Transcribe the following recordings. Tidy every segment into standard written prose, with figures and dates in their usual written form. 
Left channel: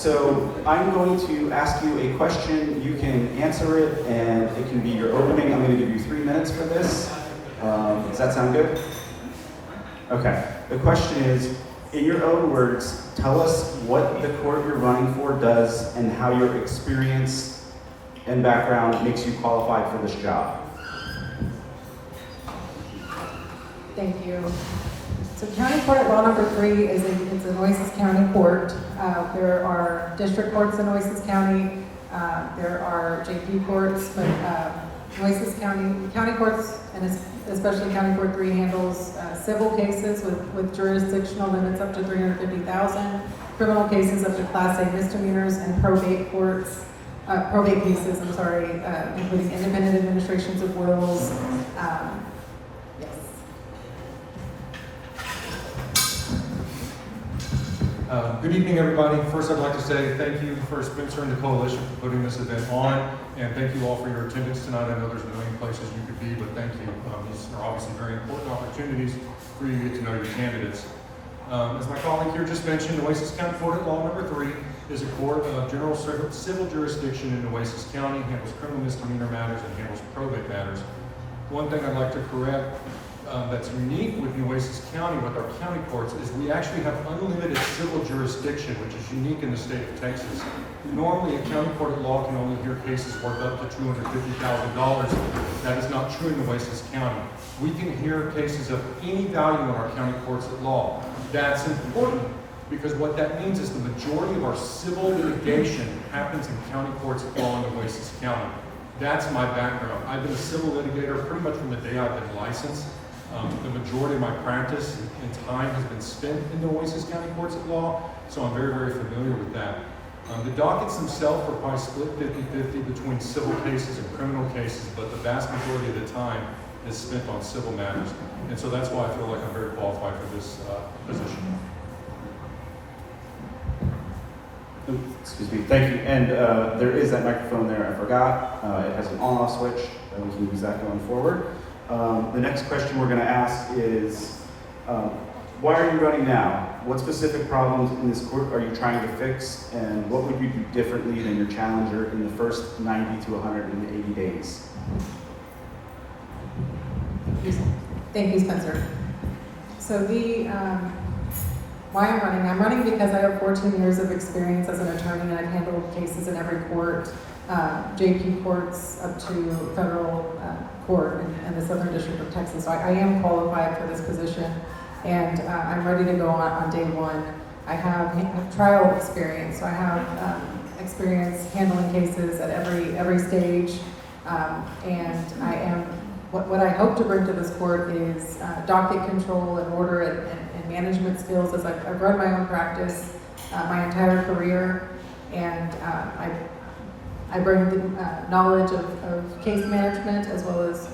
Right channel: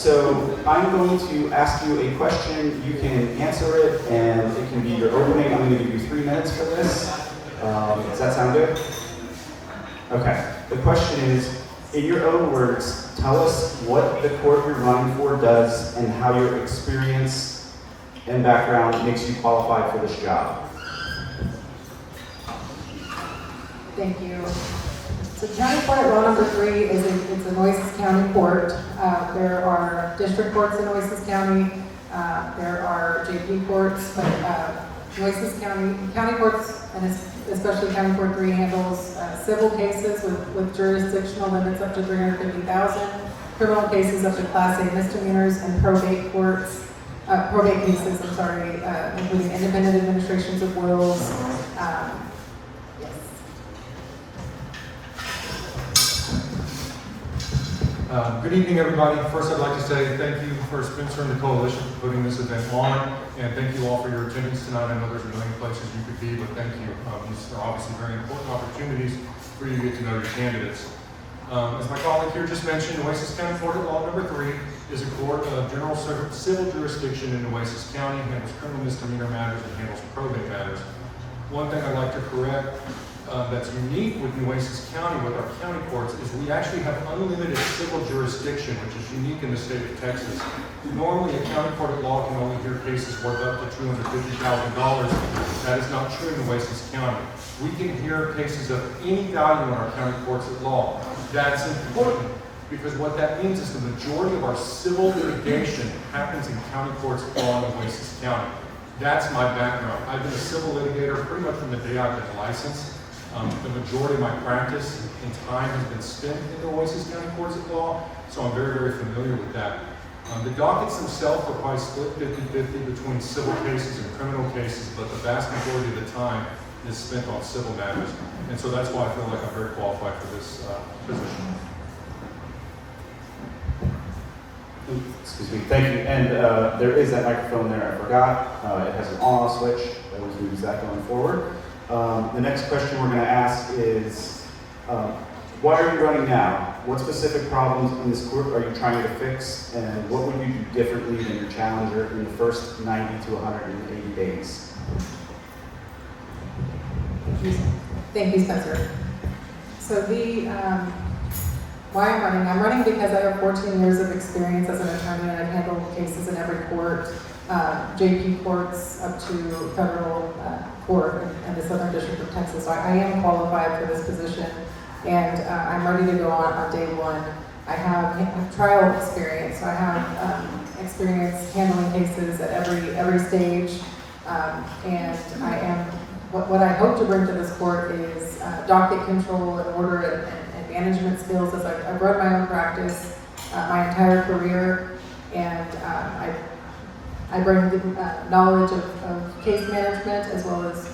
So I'm going to ask you a question. You can answer it, and it can be your opening. I'm going to give you 3 minutes for this. Does that sound good? Okay. The question is, in your own words, tell us what the court you're running for does and how your experience and background makes you qualified for this job. Thank you. So County Court Law Number 3 is it's a Nueces County court. There are district courts in Nueces County. There are JP courts, but Nueces County courts, and especially County Court 3 handles civil cases with jurisdictional limits up to $350,000, criminal cases up to Class A misdemeanors, and probate courts, probate cases, including independent administrations of wills. Good evening, everybody. First, I'd like to say thank you for Spencer and the Coalition for putting this event on, and thank you all for your attendance tonight. I know there's a million places you could be, but thank you. These are obviously very important opportunities for you to get to know your candidates. As my colleague here just mentioned, Nueces County Court at Law Number 3 is a court of general civil jurisdiction in Nueces County, handles criminal misdemeanor matters, and handles probate matters. One thing I'd like to correct that's unique with Nueces County, with our county courts, is we actually have unlimited civil jurisdiction, which is unique in the state of Texas. Normally, a county court of law can only hear cases worth up to $250,000. That is not true in Nueces County. We can hear cases of any value in our county courts of law. That's important because what that means is the majority of our civil litigation happens in county courts of law in Nueces County. That's my background. I've been a civil litigator pretty much from the day I've been licensed. The majority of my practice and time has been spent in the Nueces County Courts of Law, so I'm very, very familiar with that. The dockets themselves are probably split 50-50 between civil cases and criminal cases, but the vast majority of the time is spent on civil matters, and so that's why I feel like I'm very qualified for this position. Excuse me. Thank you. And there is that microphone there. I forgot. It has an on-off switch. I always use that going forward. The next question we're going to ask is, why are you running now? What specific problems in this court are you trying to fix, and what would you do differently than your challenger in the first 90 to 180 days? Thank you, Spencer. So why I'm running because I have 14 years of experience as an attorney, and I've handled cases in every court, JP courts up to federal court in the Southern District of Texas. So I am qualified for this position, and I'm ready to go on day one. I have trial experience, so I have experience handling cases at every stage, and I am, what I hope to bring to this court is docket control and order and management skills, as I've run my own practice my entire career, and I bring the knowledge of case management as well as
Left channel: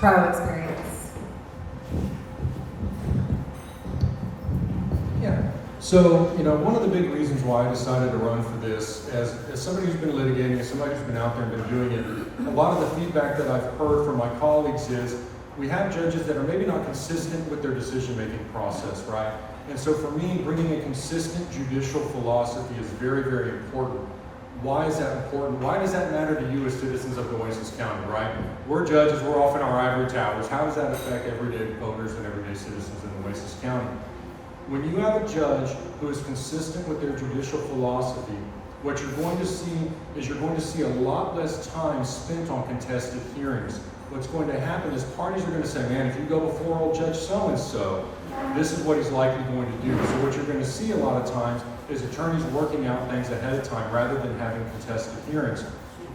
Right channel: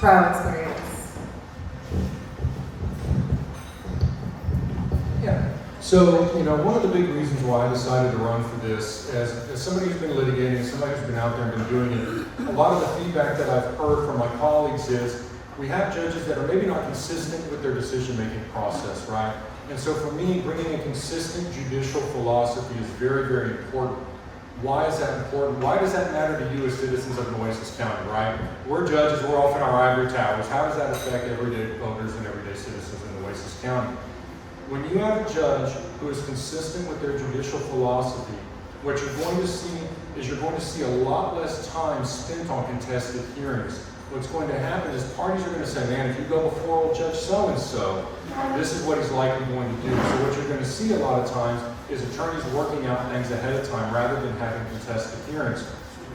trial experience. Yeah. So, one of the big reasons why I decided to run for this, as somebody who's been litigating, somebody who's been out there and been doing it, a lot of the feedback that I've heard from my colleagues is we have judges that are maybe not consistent with their decision-making process, right? And so for me, bringing a consistent judicial philosophy is very, very important. Why is that important? Why does that matter to you as citizens of Nueces County, right? We're judges, we're off in our ivory towers. How does that affect everyday voters and everyday citizens in Nueces County? When you have a judge who is consistent with their judicial philosophy, what you're going to see is you're going to see a lot less time spent on contested hearings. What's going to happen is parties are going to say, man, if you go before old Judge so-and-so, this is what he's likely going to do. So what you're going to see a lot of times is attorneys working out things ahead of time rather than having contested hearings.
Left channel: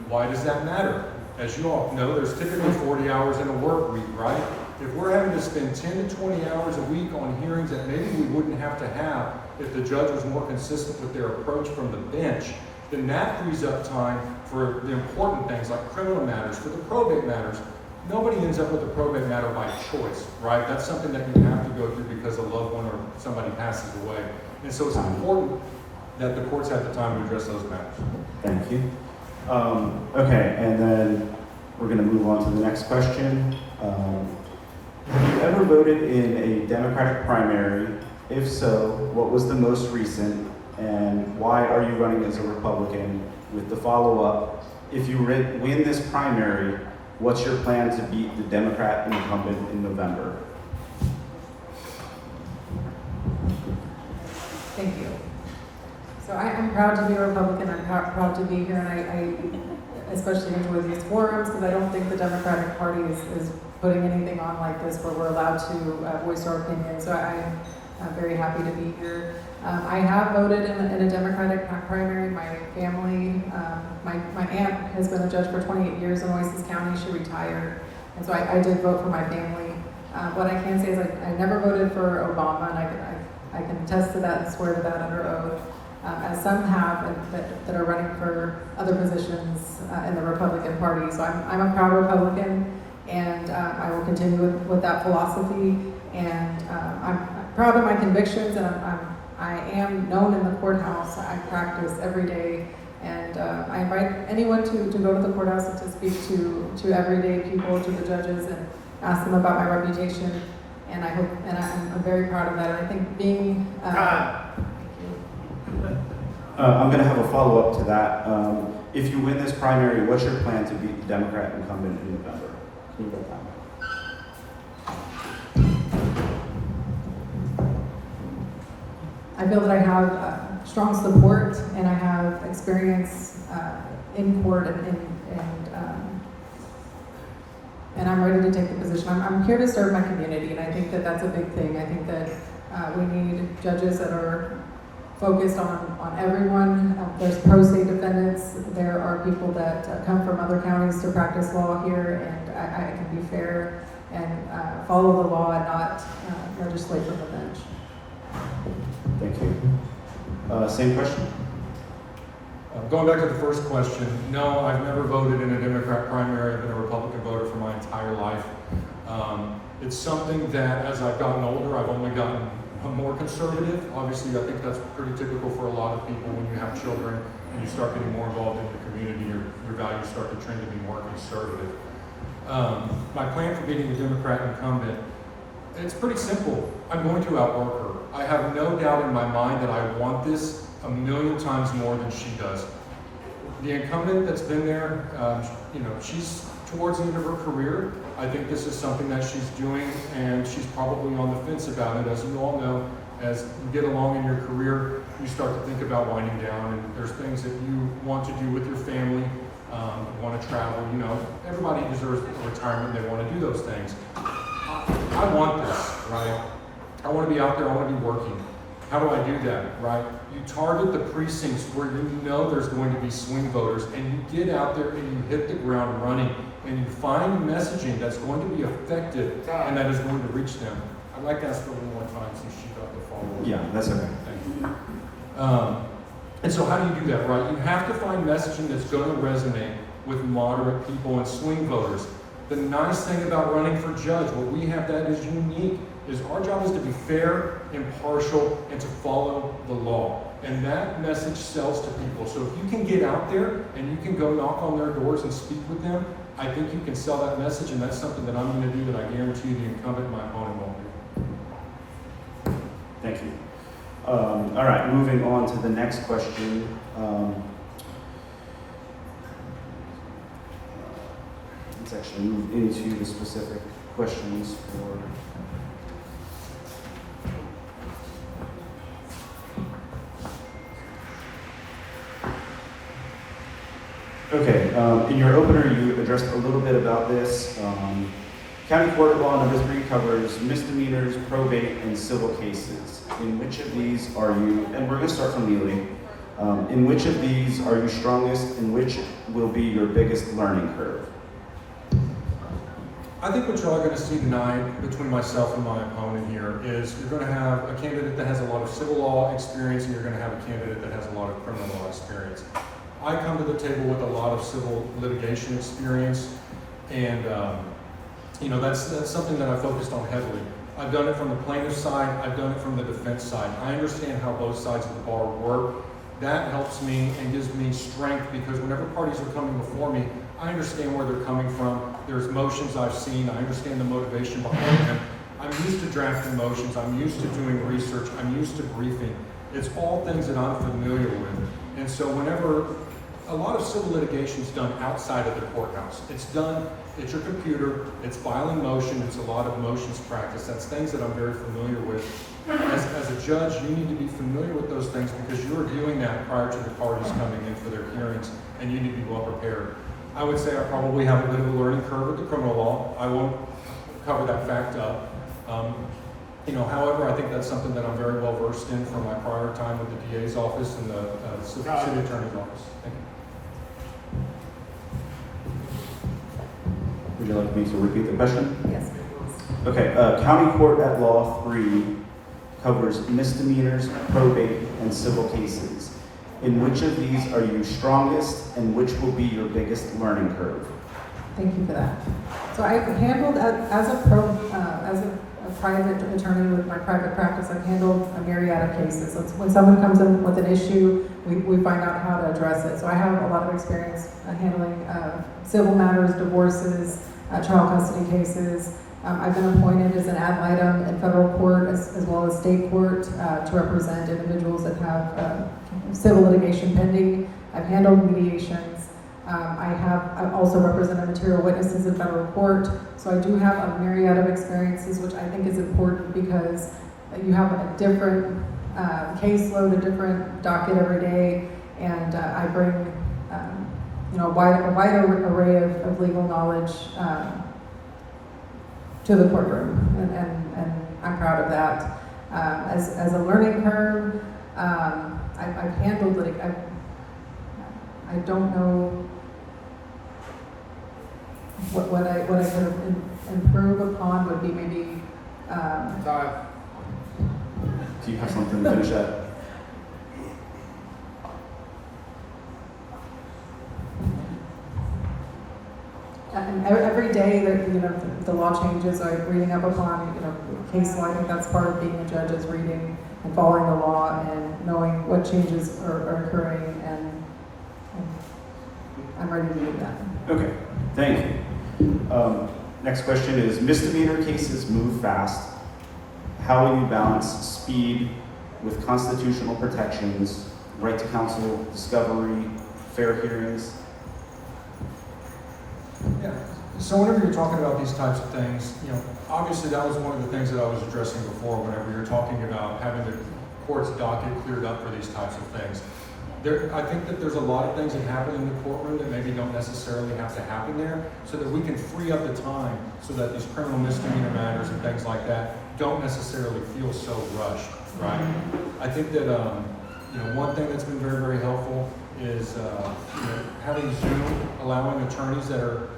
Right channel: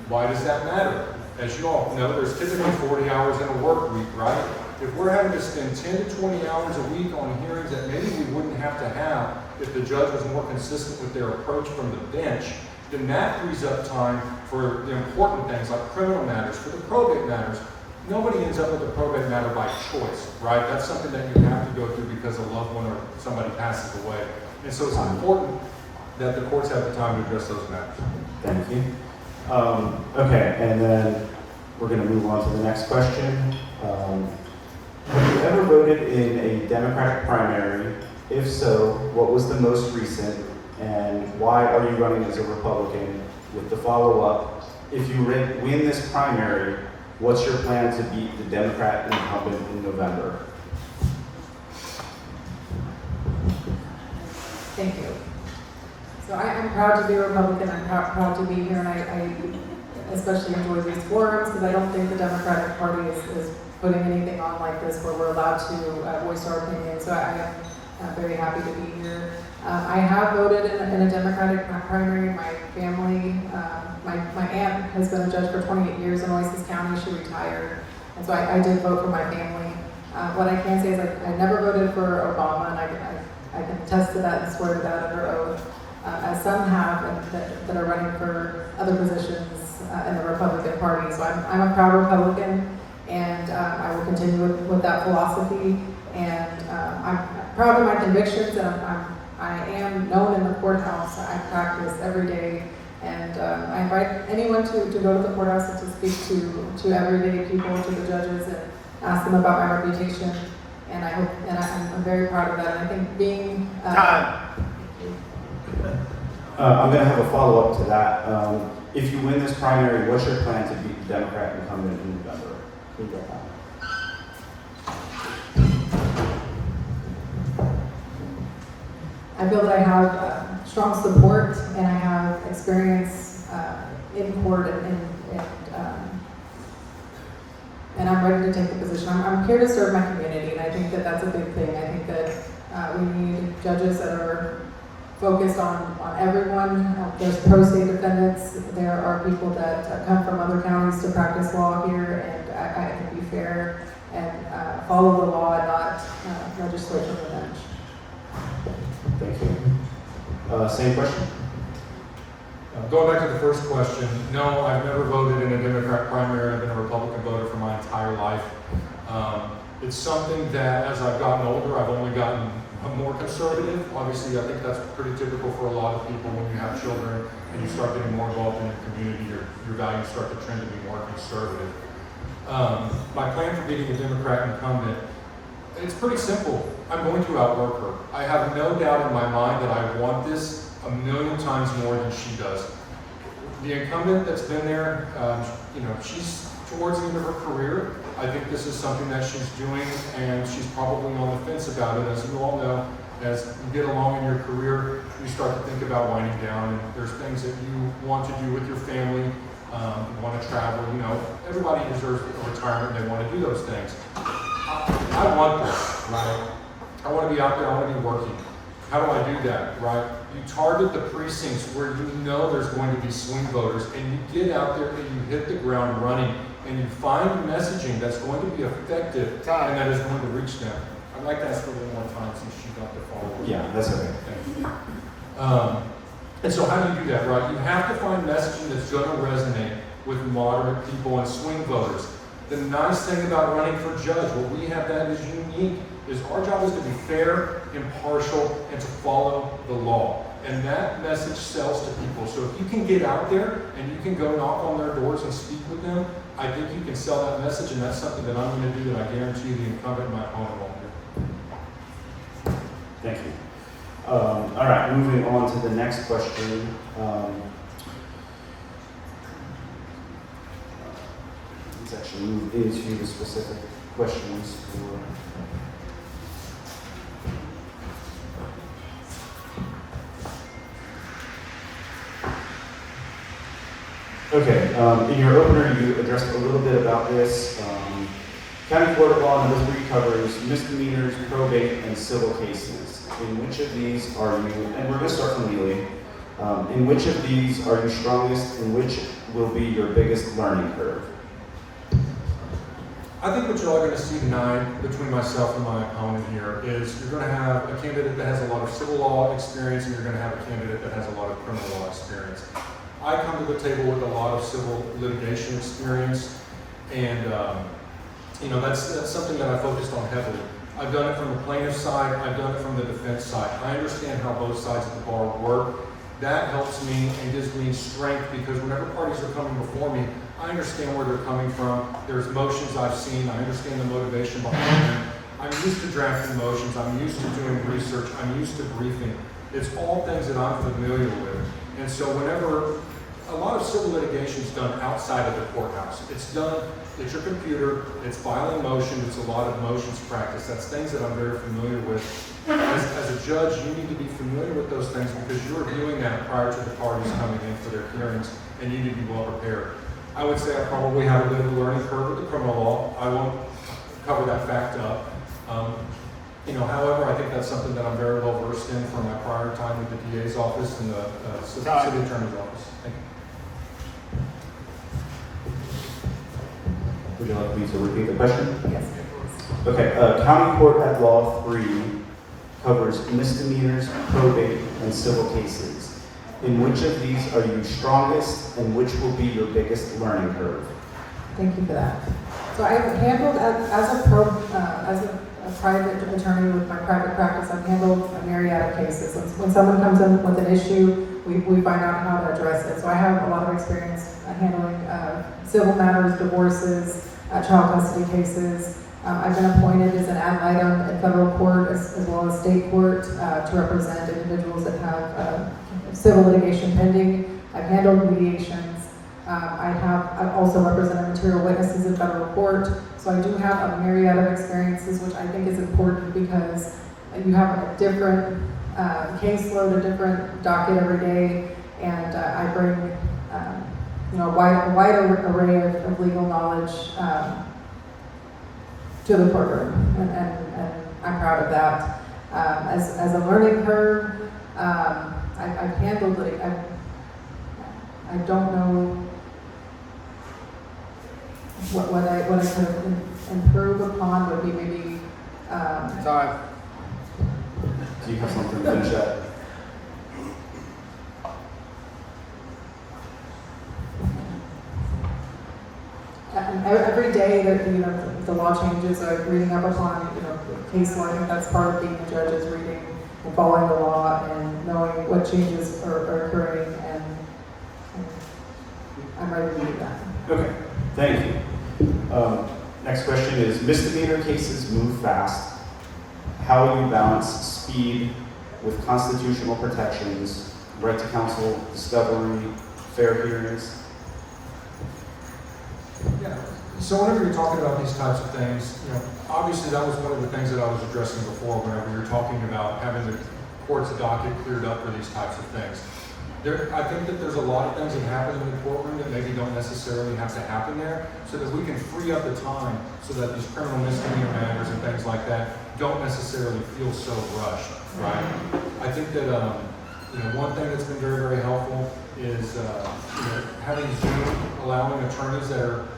Why does that matter? As you all know, there's typically 40 hours in a work week, right? If we're having to spend 10 to 20 hours a week on hearings that maybe we wouldn't have to have if the judge was more consistent with their approach from the bench, then that frees up time for the important things like criminal matters, for the probate matters. Nobody ends up with a probate matter by choice, right? That's something that you have to go through because a loved one or somebody passes away. And so it's important that the courts have the time to address those matters. Thank you. Okay, and then we're going to move on to the next question. Have you ever voted in a Democratic primary? If so, what was the most recent? And why are you running as a Republican? With the follow-up, if you win this primary, what's your plan to beat the Democrat incumbent in November? Thank you. So I'm proud to be a Republican. I'm proud to be here, and I especially enjoy these forums because I don't think the Democratic Party is putting anything on like this where we're allowed to voice our opinion. So I am very happy to be here. I have voted in a Democratic primary. My family, my aunt has been a judge for 28 years in Oasis County. She retired, and so I did vote for my family. What I can say is I never voted for Obama, and I can attest to that and swear to that under oath. As some have that are running for other positions in the Republican Party. So I'm a proud Republican, and I will continue with that philosophy. And I'm proud of my convictions, and I am known in the courthouse. I practice every day, and I invite anyone to go to the courthouse and to speak to everyday people, to the judges, and ask them about my reputation. And I hope, and I'm very proud of that. And I think being I'm going to have a follow-up to that. If you win this primary, what's your plan to beat the Democrat incumbent in November? Can you go back? I feel that I have strong support and I have experience in court and I'm ready to take the position. I'm here to serve my community, and I think that that's a big thing. I think that we need judges that are focused on everyone. There's pro se defendants. There are people that come from other counties to practice law here, and I can be fair and follow the law and not legislate from the bench. Thank you. Same question? Going back to the first question, no, I've never voted in a Democrat primary. I've been a Republican voter for my entire life. It's something that as I've gotten older, I've only gotten more conservative. Obviously, I think that's pretty typical for a lot of people when you have children and you start getting more involved in your community, your values start to trend to be more conservative. My plan for beating a Democrat incumbent, it's pretty simple. I'm going to outwork her. I have no doubt in my mind that I want this a million times more than she does. The incumbent that's been there, she's towards the end of her career. I think this is something that she's doing, and she's probably on the fence about it. As you all know, as you get along in your career, you start to think about winding down, and there's things that you want to do with your family, you want to travel. Everybody deserves a retirement. They want to do those things. I want this, right? I want to be out there. I want to be working. How do I do that, right? You target the precincts where you know there's going to be swing voters, and you get out there and you hit the ground running, and you find messaging that's going to be effective and that is going to reach them. I'd like to ask for a little more time since she got the follow-up. Yeah, that's okay. And so how do you do that, right? You have to find messaging that's going to resonate with moderate people and swing voters. The nice thing about running for judge, what we have that is unique, is our job is to be fair, impartial, and to follow the law. And that message sells to people. So if you can get out there and you can go knock on their doors and speak with them, I think you can sell that message, and that's something that I'm going to do that I guarantee the incumbent, my opponent, won't do. Thank you. All right, moving on to the next question. Let's actually move into the specific questions for. Okay, in your opener, you addressed a little bit about this. County Court of Law in Hillsborough covers misdemeanors, probate, and civil cases. In which of these are you, and we're going to start from Neely, in which of these are you strongest, and which will be your biggest learning curve? I think what you're all going to see tonight between myself and my opponent here is you're going to have a candidate that has a lot of civil law experience, and you're going to have a candidate that has a lot of criminal law experience. I come to the table with a lot of civil litigation experience, and that's something that I focused on heavily. I've done it from the plaintiff side, I've done it from the defense side. I understand how both sides of the bar work. That helps me and gives me strength because whenever parties are coming before me, I understand where they're coming from. There's motions I've seen, I understand the motivation behind them. I'm used to drafting motions, I'm used to doing research, I'm used to briefing. It's all things that I'm familiar with. And so whenever, a lot of civil litigation is done outside of the courthouse. It's done, it's your computer, it's filing motion, it's a lot of motions practice. That's things that I'm very familiar with. As a judge, you need to be familiar with those things because you're doing that prior to the parties coming in for their hearings, and you need to be well prepared. I would say I probably have a bit of a learning curve with the criminal law. I won't cover that fact up. However, I think that's something that I'm very well versed in from my prior time at the DA's office and the city attorney's office. Thank you. Would you like me to repeat the question? Yes, please. Okay, County Court at Law 3 covers misdemeanors, probate, and civil cases. In which of these are you strongest, and which will be your biggest learning curve? Thank you for that. So I've handled, as a private attorney with my private practice, I've handled a myriad of cases. So when someone comes in with an issue, we find out how to address it. So I have a lot of experience handling civil matters, divorces, child custody cases. I've been appointed as an ad litem in federal court as well as state court to represent individuals that have civil litigation pending. I've handled mediations. I've also represented material witnesses in federal court. So I do have a myriad of experiences, which I think is important because you have a different caseload, a different docket every day, and I bring a wide array of legal knowledge to the courtroom, and I'm proud of that. As a learning curve, I've handled it. I don't know what I could improve upon would be maybe. Do you have something to finish up? Every day that the law changes, I'm reading up upon case law. I think that's part of being a judge is reading and following the law and knowing what changes are occurring, and I'm ready to do that. Okay, thank you. Next question is, misdemeanor cases move fast. How will you balance speed with constitutional protections, right to counsel, discovery, fair hearings? Yeah. So whenever you're talking about these types of things, obviously that was one of the things that I was addressing before whenever you're talking about having the court's docket cleared up for these types of things. I think that there's a lot of things that happen in the courtroom that maybe don't necessarily have to happen there, so that we can free up the time so that these criminal misdemeanor matters and things like that don't necessarily feel so rushed, right? I think that one thing that's been very, very helpful is having Zoom, allowing attorneys that are,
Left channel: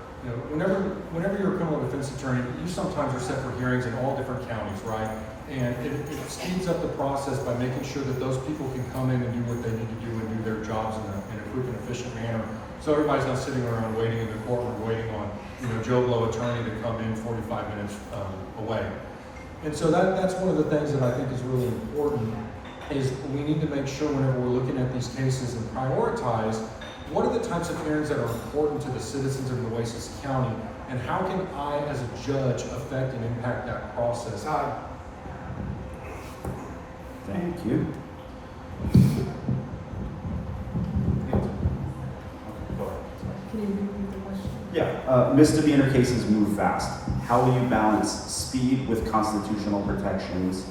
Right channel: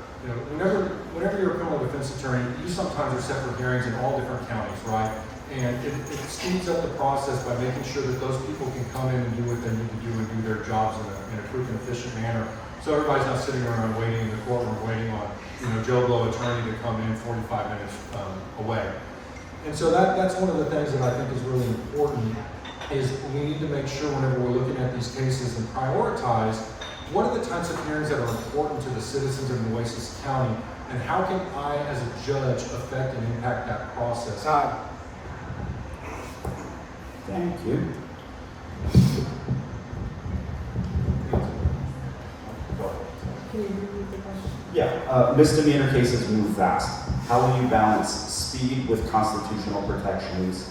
whenever you're a criminal defense attorney, you sometimes are set for hearings in all different counties, right? And it speeds up the process by making sure that those people can come in and do what they need to do and do their jobs in a quick and efficient manner. So everybody's not sitting around waiting in the courtroom, waiting on Joe Blow attorney to come in 45 minutes away. And so that's one of the things that I think is really important is we need to make sure whenever we're looking at these cases and prioritize what are the types of hearings that are important to the citizens of Nueces County, and how can I as a judge affect and impact that process? Thank you. Can you repeat the question? Yeah, misdemeanor cases move fast. How will you balance speed with constitutional protections,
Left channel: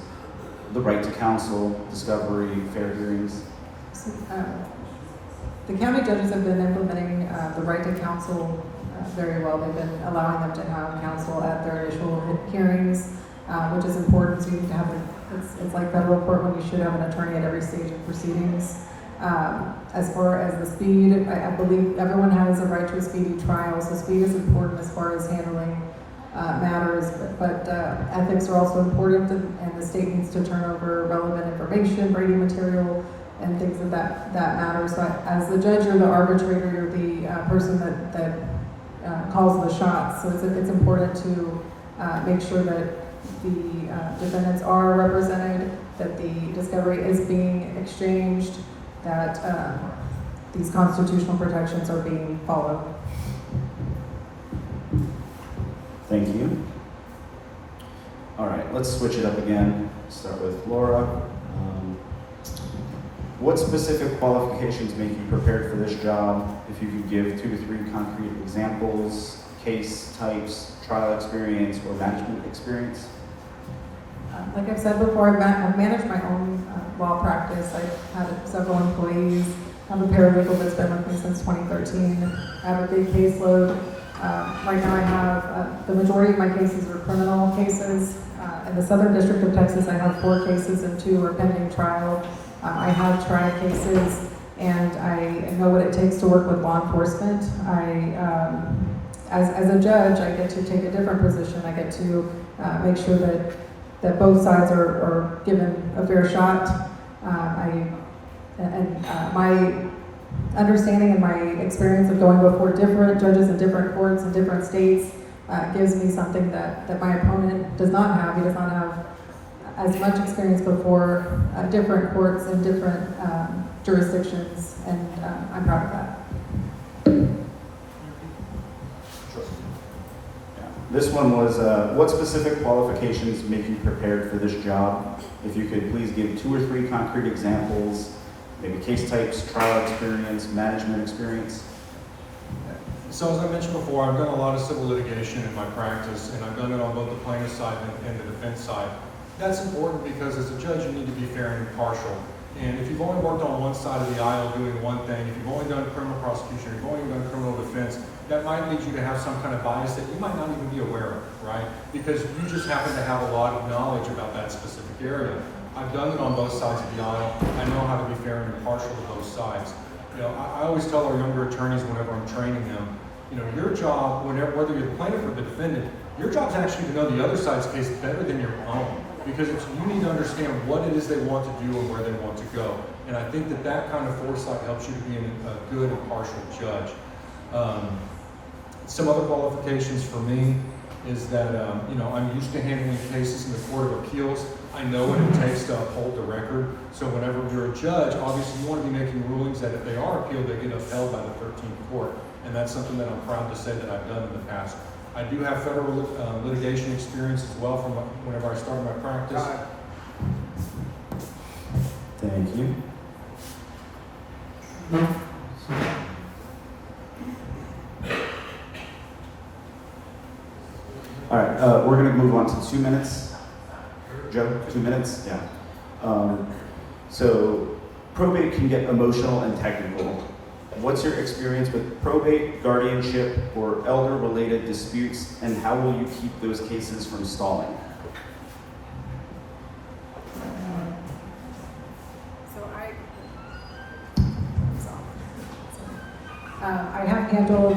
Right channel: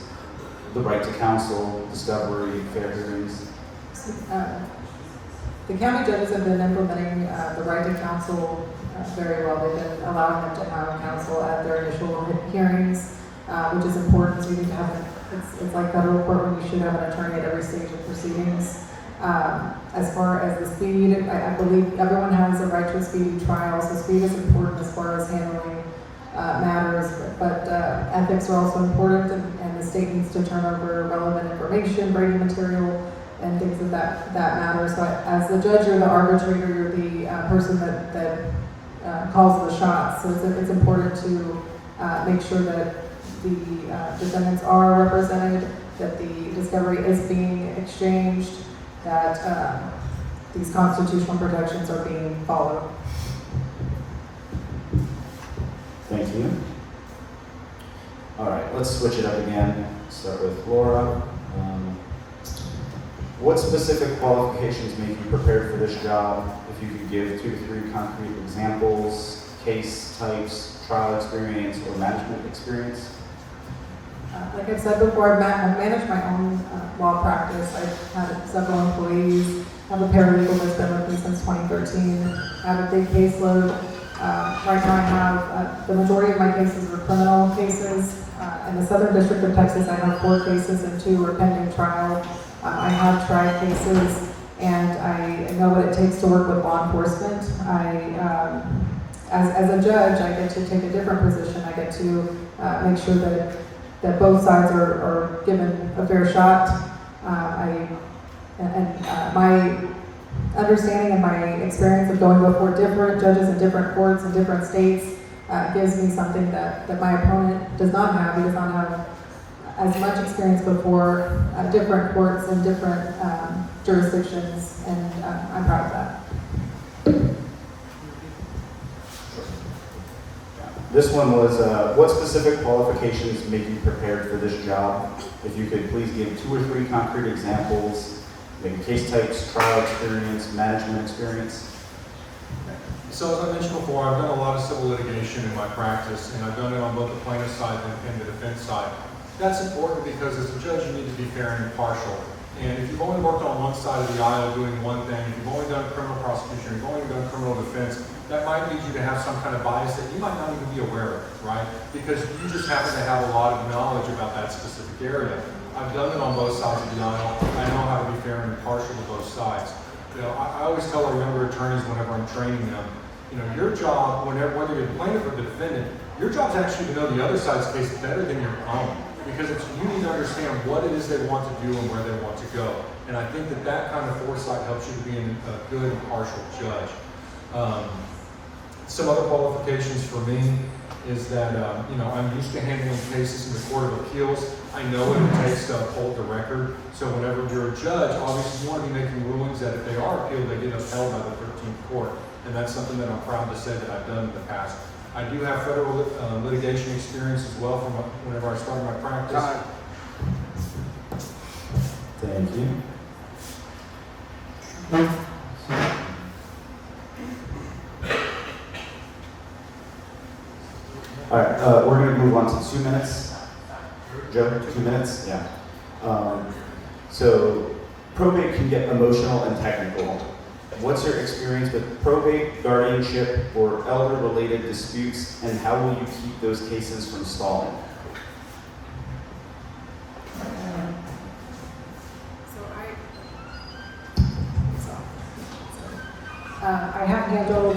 the right to counsel, discovery, fair hearings? So, the county judges have been implementing the right to counsel very well. They've been allowing them to have counsel at their initial hearings, which is important. So you need to have it's like federal court when you should have an attorney at every stage of proceedings. As far as the speed, I believe everyone has a right to a speedy trial, so speed is important as far as handling matters, but ethics are also important, and the state needs to turn over relevant information, Brady material, and things of that matter. So as the judge, you're the arbitrator, you're the person that calls the shots. So it's important to make sure that the defendants are represented, that the discovery is being exchanged, that these constitutional protections are being followed. Thank you. All right, let's switch it up again. Start with Laura. What specific qualifications make you prepared for this job? If you could give 2 to 3 concrete examples, case types, trial experience, or management experience? Like I've said before, I've managed my own law practice. I've had several employees. I have a paralegal that's been with me since 2013. I have a big caseload. Right now I have, the majority of my cases are criminal cases. In the Southern District of Texas, I have 4 cases and 2 are pending trial. I have tried cases, and I know what it takes to work with law enforcement. As a judge, I get to take a different position. I get to make sure that both sides are given a fair shot. My understanding and my experience of going before different judges in different courts in different states gives me something that my opponent does not have. He does not have as much experience before different courts in different jurisdictions, and I'm proud of that. This one was, what specific qualifications make you prepared for this job? If you could please give 2 or 3 concrete examples, maybe case types, trial experience, management experience. So as I mentioned before, I've done a lot of civil litigation in my practice, and I've done it on both the plaintiff side and the defense side. That's important because as a judge, you need to be fair and impartial. And if you've only worked on one side of the aisle doing one thing, if you've only done criminal prosecution, you've only done criminal defense, that might lead you to have some kind of bias that you might not even be aware of, right? Because you just happen to have a lot of knowledge about that specific area. I've done it on both sides of the aisle. I know how to be fair and impartial to both sides. You know, I always tell our younger attorneys whenever I'm training them, you know, your job, whether you're the plaintiff or the defendant, your job is actually to know the other side's case better than your own. Because you need to understand what it is they want to do and where they want to go. And I think that kind of foresight helps you to be a good, impartial judge. Some other qualifications for me is that, you know, I'm used to handling cases in the Court of Appeals. I know what it takes to uphold the record. So whenever you're a judge, obviously you want to be making rulings that if they are appealed, they get upheld by the 13th court. And that's something that I'm proud to say that I've done in the past. I do have federal litigation experience as well from whenever I started my practice. Thank you. All right, we're going to move on to 2 minutes. Joe, 2 minutes? Yeah. So probate can get emotional and technical. What's your experience with probate, guardianship, or elder-related disputes, and how will you keep those cases from stalling? I have handled,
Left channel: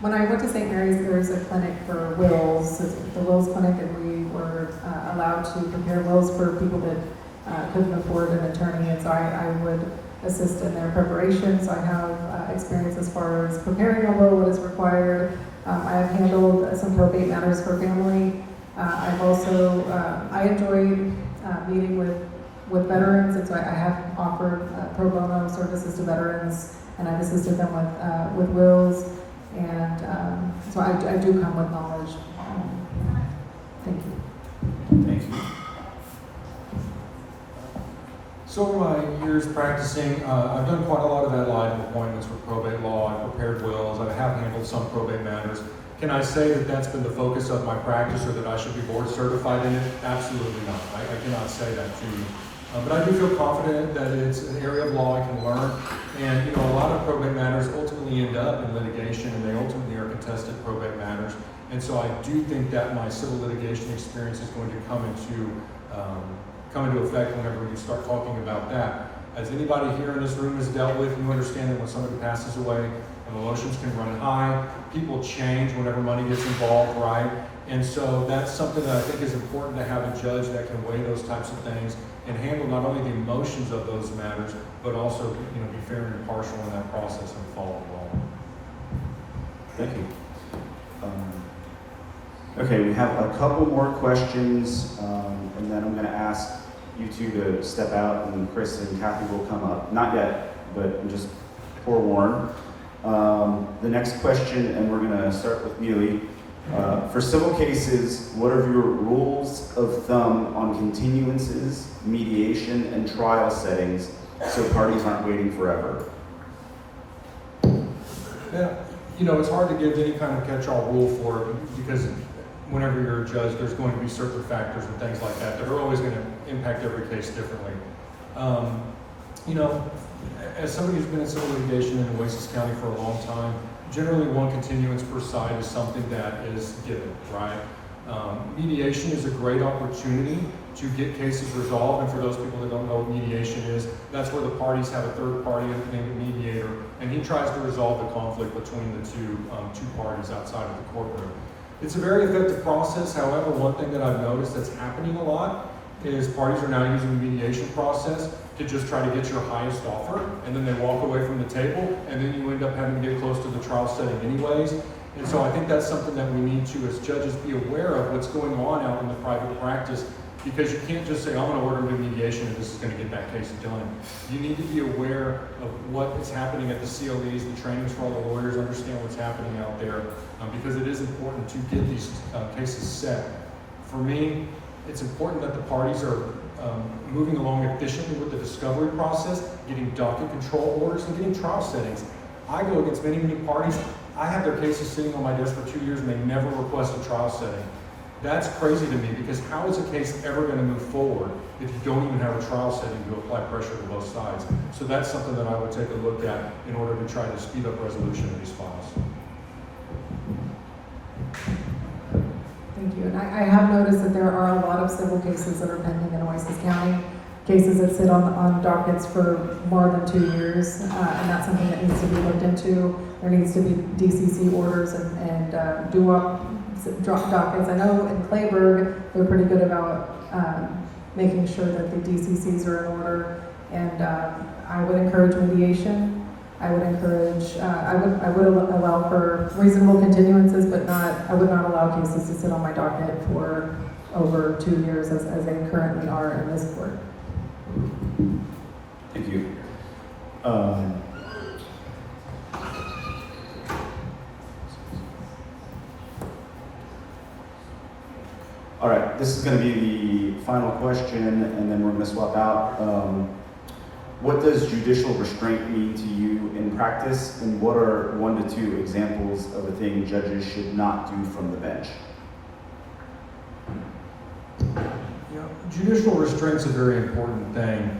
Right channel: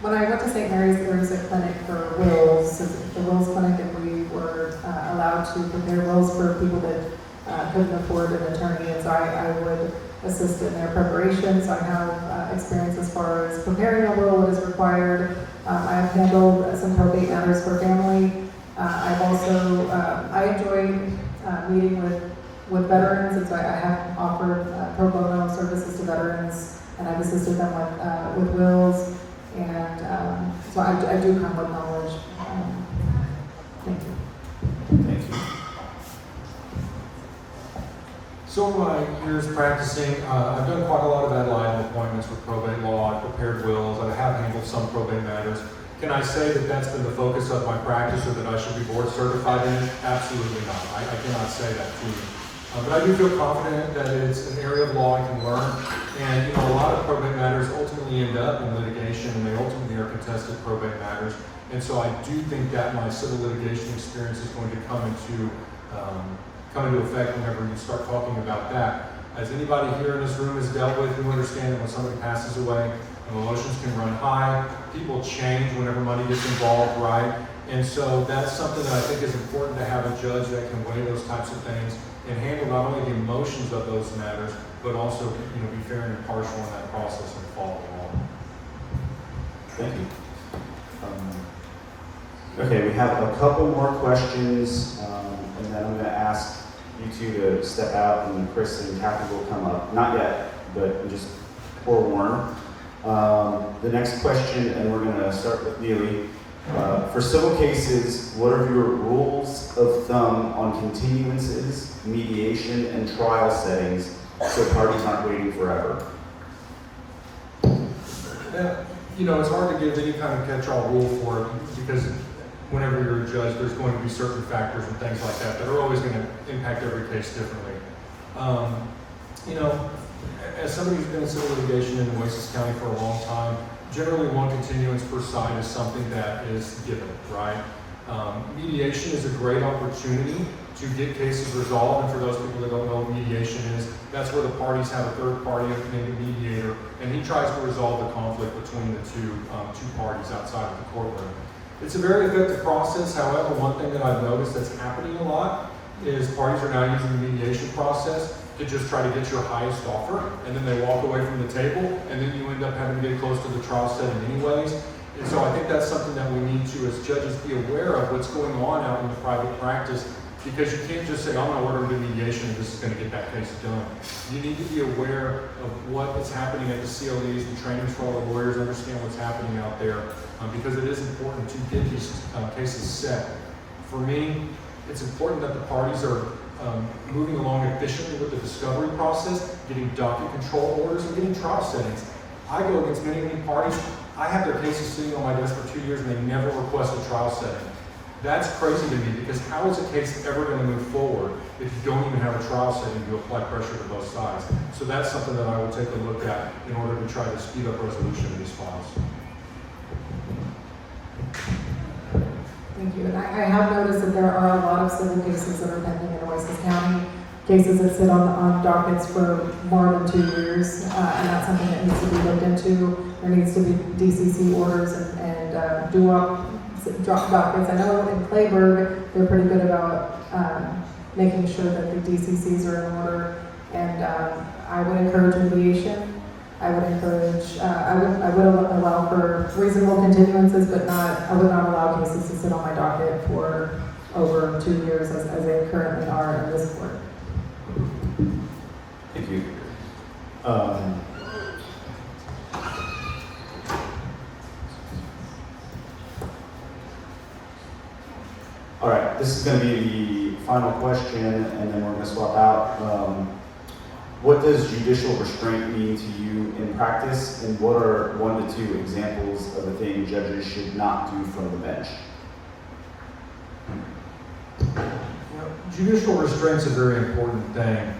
when I went to St. Mary's, there's a clinic for wills, the wills clinic, and we were allowed to prepare wills for people that couldn't afford an attorney, and so I would assist in their preparation. So I have experience as far as preparing a will, what is required. I have handled some probate matters for family. I've also, I enjoy meeting with veterans, and so I have offered pro bono services to veterans, and I've assisted them with wills, and so I do come with knowledge. Thank you. Thank you. So in my years practicing, I've done quite a lot of ad litem appointments with probate law. I've prepared wills. I have handled some probate matters. Can I say that that's been the focus of my practice, or that I should be board certified in it? Absolutely not. I cannot say that to you. But I do feel confident that it's an area of law I can learn. And you know, a lot of probate matters ultimately end up in litigation, and they ultimately are contested probate matters. And so I do think that my civil litigation experience is going to come into effect whenever you start talking about that. As anybody here in this room has dealt with, you understand that when somebody passes away, emotions can run high, people change whenever money gets involved, right? And so that's something that I think is important to have a judge that can weigh those types of things and handle not only the emotions of those matters, but also, you know, be fair and impartial in that process and follow along. Thank you. Okay, we have a couple more questions, and then I'm going to ask you two to step out, and Chris and Kathy will come up. Not yet, but just forewarn. The next question, and we're going to start with Neely. For civil cases, what are your rules of thumb on continuances, mediation, and trial settings so parties aren't waiting forever? Yeah, you know, it's hard to give any kind of catch-all rule for it because whenever you're a judge, there's going to be certain factors and things like that that are always going to impact every case differently. You know, as somebody who's been in civil litigation in Oasis County for a long time, generally one continuance per side is something that is given, right? Mediation is a great opportunity to get cases resolved, and for those people that don't know what mediation is, that's where the parties have a third party named a mediator, and he tries to resolve the conflict between the two parties outside of the courtroom. It's a very effective process. However, one thing that I've noticed that's happening a lot is parties are now using the mediation process to just try to get your highest offer, and then they walk away from the table, and then you end up having to get close to the trial setting anyways. And so I think that's something that we need to, as judges, be aware of what's going on out in the private practice, because you can't just say, I'm going to order a mediation and this is going to get that case done. You need to be aware of what is happening at the CLEs, the trainings for all the lawyers, understand what's happening out there, because it is important to get these cases set. For me, it's important that the parties are moving along efficiently with the discovery process, getting docket control orders, and getting trial settings. I go against many parties. I have their cases sitting on my desk for 2 years and they never request a trial setting. That's crazy to me, because how is a case ever going to move forward if you don't even have a trial setting to apply pressure to both sides? So that's something that I would take a look at in order to try to speed up resolution of these files. Thank you. And I have noticed that there are a lot of civil cases that are pending in Oasis County, cases that sit on dockets for more than 2 years, and that's something that needs to be looked into. There needs to be DCC orders and drop dockets. I know in Clayburgh, they're pretty good about making sure that the DCCs are in order, and I would encourage mediation. I would encourage, I would allow for reasonable continuances, but I would not allow cases to sit on my docket for over 2 years as they currently are in this court. Thank you. All right, this is going to be the final question, and then we're going to swap out. What does judicial restraint mean to you in practice, and what are 1 to 2 examples of a thing judges should not do from the bench? Judicial restraint's a very important thing.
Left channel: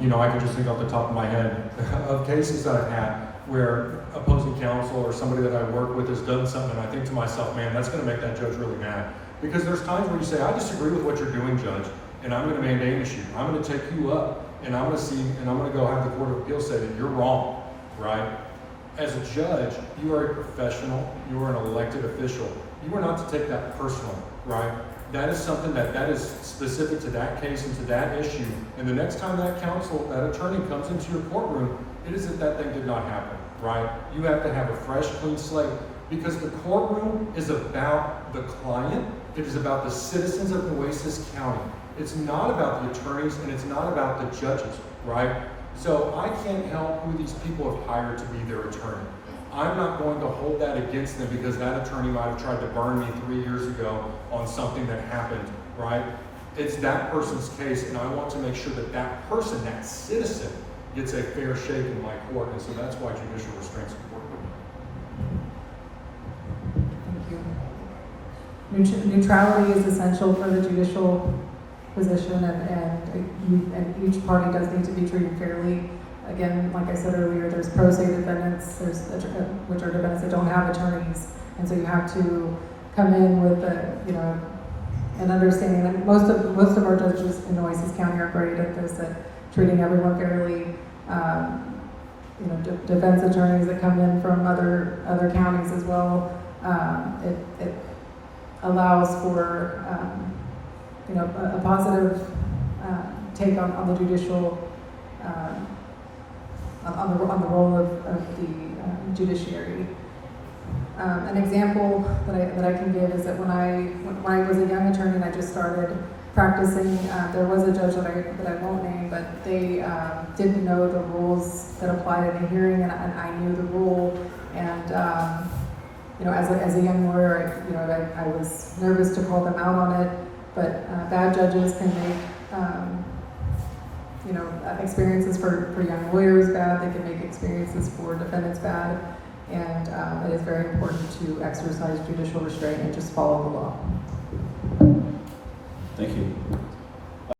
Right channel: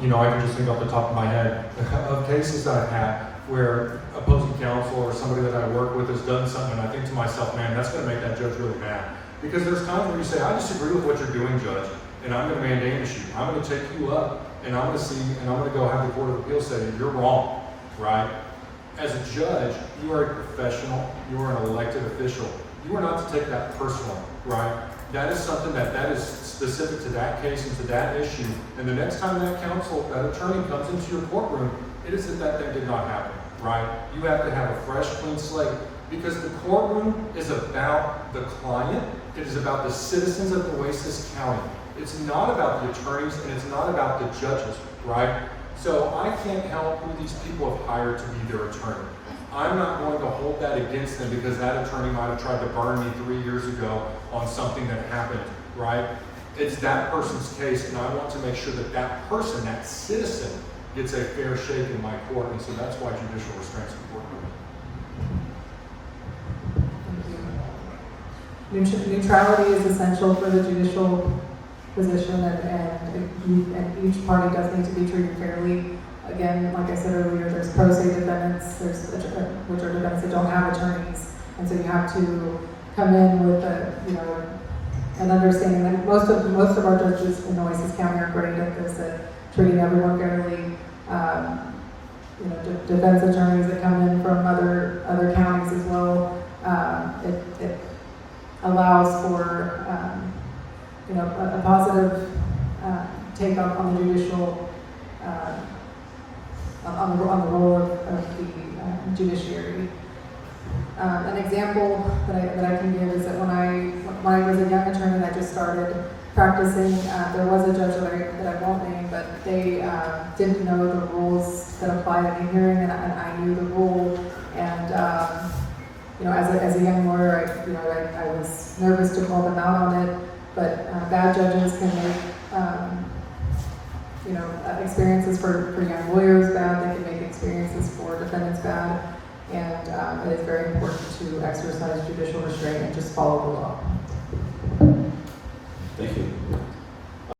You know, I can just think off the top of my head of cases I've had where opposing counsel or somebody that I work with has done something, and I think to myself, man, that's going to make that judge really mad. Because there's times where you say, I disagree with what you're doing, judge, and I'm going to mandamus you. I'm going to take you up, and I'm going to go have the Court of Appeals say that you're wrong, right? As a judge, you are a professional, you are an elected official. You are not to take that personal, right? That is something that is specific to that case and to that issue. And the next time that attorney comes into your courtroom, it is that thing did not happen, right? You have to have a fresh, clean slate, because the courtroom is about the client. It is about the citizens of Oasis County. It's not about the attorneys, and it's not about the judges, right? So I can't help who these people have hired to be their attorney. I'm not going to hold that against them because that attorney might have tried to burn me 3 years ago on something that happened, right? It's that person's case, and I want to make sure that that person, that citizen, gets a fair shake in my court, and so that's why judicial restraint is important. Thank you. Neutrality is essential for the judicial position, and each party does need to be treated fairly. Again, like I said earlier, there's pro se defendants, which are defendants that don't have attorneys, and so you have to come in with an understanding that most of our judges in Oasis County are great at this, at treating everyone fairly. Defense attorneys that come in from other counties as well. It allows for a positive take on the judicial on the role of the judiciary. An example that I can give is that when I was a young attorney and I just started practicing, there was a judge that I won't name, but they didn't know the rules that applied in a hearing, and I knew the rule, and you know, as a young lawyer, I was nervous to call them out on it, but bad judges can make, experiences for young lawyers bad, they can make experiences for defendants bad, and it is very important to exercise judicial restraint and just follow the law.